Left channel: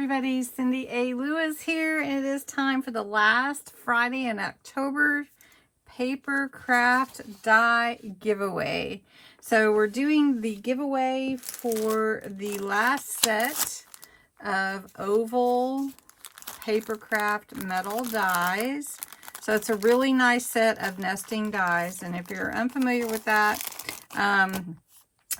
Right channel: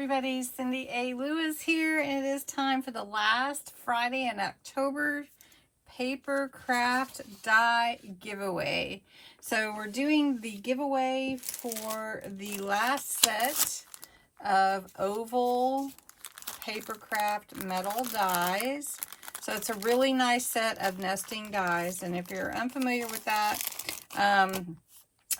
everybody, CindyALewis here, and it is time for the last Friday in October Papercraft die giveaway. So we're doing the giveaway for the last set of oval Papercraft metal dies. So it's a really nice set of nesting dies, and if you're unfamiliar with that,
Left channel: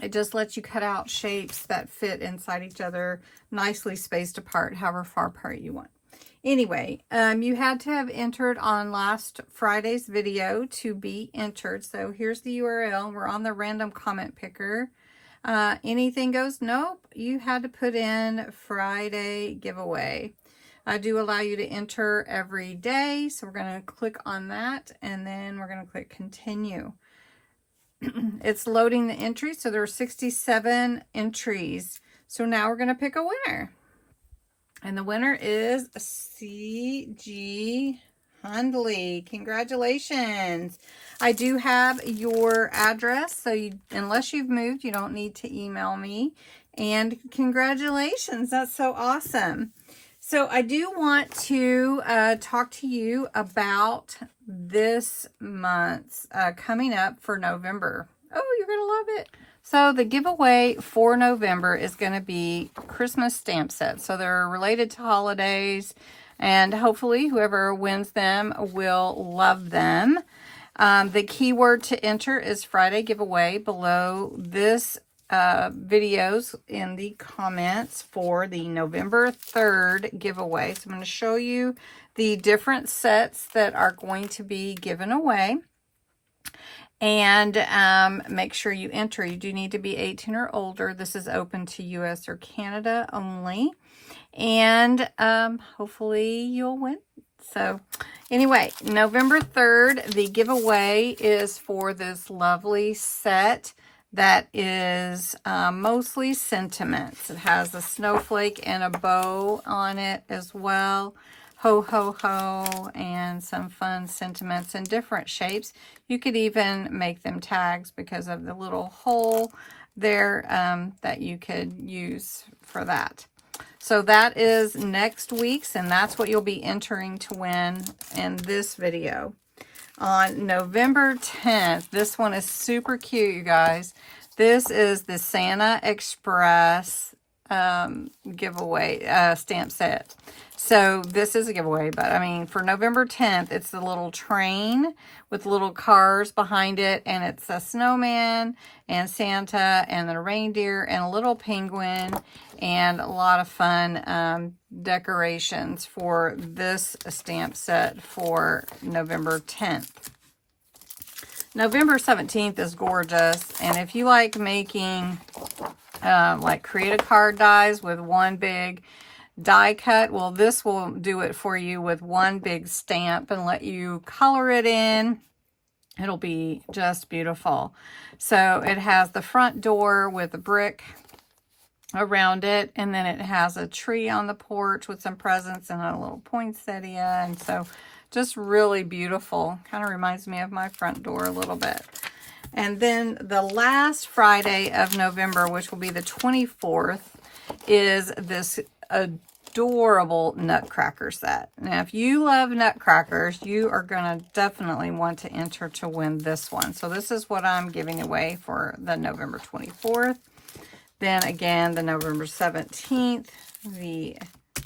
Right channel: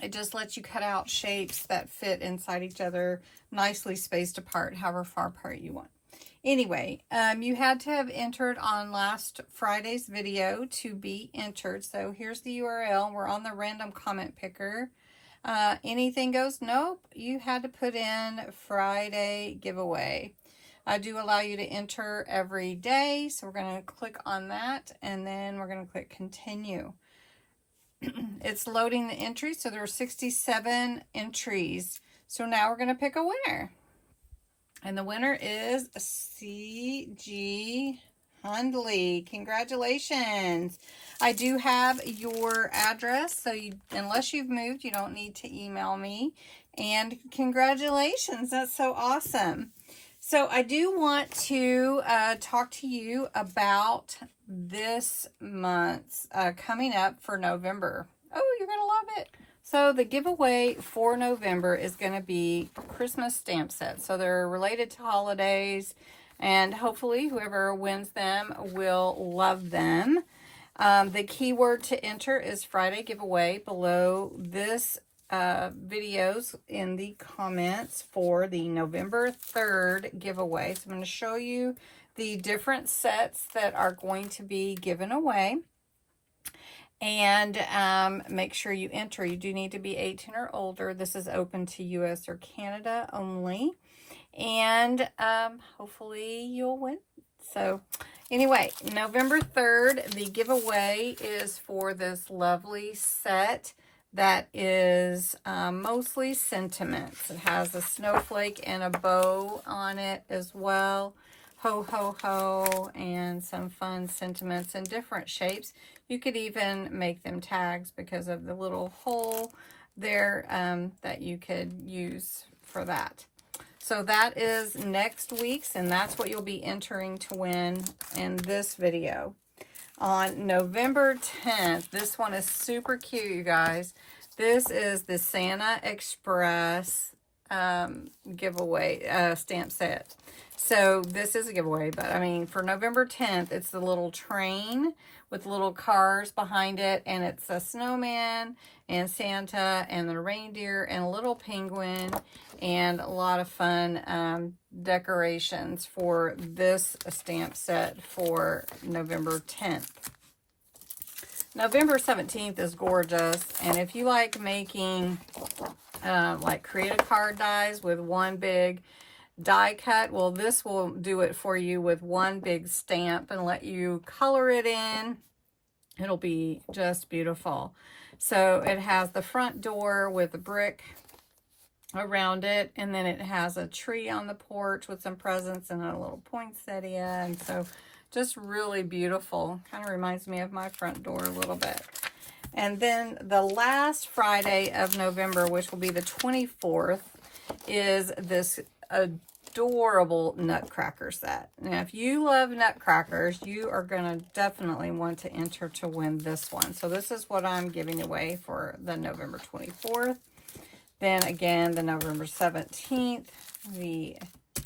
it just lets you cut out shapes that fit inside each other, nicely spaced apart, however far apart you want. Anyway, you had to have entered on last Friday's video to be entered. So here's the URL. We're on the random comment picker. Anything goes? Nope. You had to put in Friday giveaway. I do allow you to enter every day. So we're going to click on that, and then we're going to click continue. It's loading the entries, so there are 67 entries. So now we're going to pick a winner. And the winner is C.G. Hundley. Congratulations. I do have your address, so unless you've moved, you don't need to email me. And congratulations. That's so awesome. So I do want to talk to you about this month's coming up for November. Oh, you're going to love it. So the giveaway for November is going to be Christmas stamp sets. So they're related to holidays, and hopefully whoever wins them will love them. The keyword to enter is Friday giveaway below this videos in the comments for the November 3rd giveaway. So I'm going to show you the different sets that are going to be given away, and make sure you enter. You do need to be 18 or older. This is open to US or Canada only, and hopefully you'll win. So anyway, November 3rd, the giveaway is for this lovely set that is mostly sentiments. It has a snowflake and a bow on it as well. Ho, ho, ho, and some fun sentiments in different shapes. You could even make them tags because of the little hole there that you could use for that. So that is next week's, and that's what you'll be entering to win in this video. On November 10th, this one is super cute, you guys. This is the Santa Express giveaway stamp set. So this is a giveaway, but I mean, for November 10th, it's the little train with little cars behind it, and it's a snowman and Santa and the reindeer and a little penguin, and a lot of fun decorations for this stamp set for November 10th. November 17th is gorgeous, and if you like making like create a card dies with one big die cut, well, this will do it for you with one big stamp and let you color it in. It'll be just beautiful. So it has the front door with a brick around it, and then it has a tree on the porch with some presents and a little poinsettia, and so just really beautiful. Kind of reminds me of my front door a little bit. And then the last Friday of November, which will be the 24th, is this adorable nutcracker set. Now, if you love nutcrackers, you are going to definitely want to enter to win this one. So this is what I'm giving away for the November 24th. Then again, the November 17th, the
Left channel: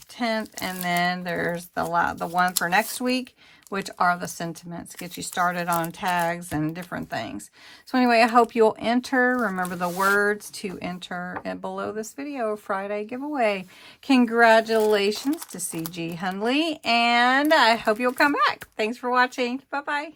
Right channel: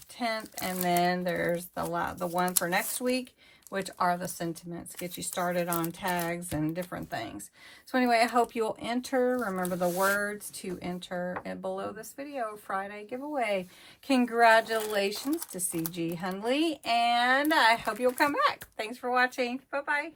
10th, and then there's the one for next week, which are the sentiments. Get you started on tags and different things. So anyway, I hope you'll enter. Remember the words to enter below this video, Friday giveaway. Congratulations to C.G. Hundley, and I hope you'll come back. Thanks for watching. Bye-bye.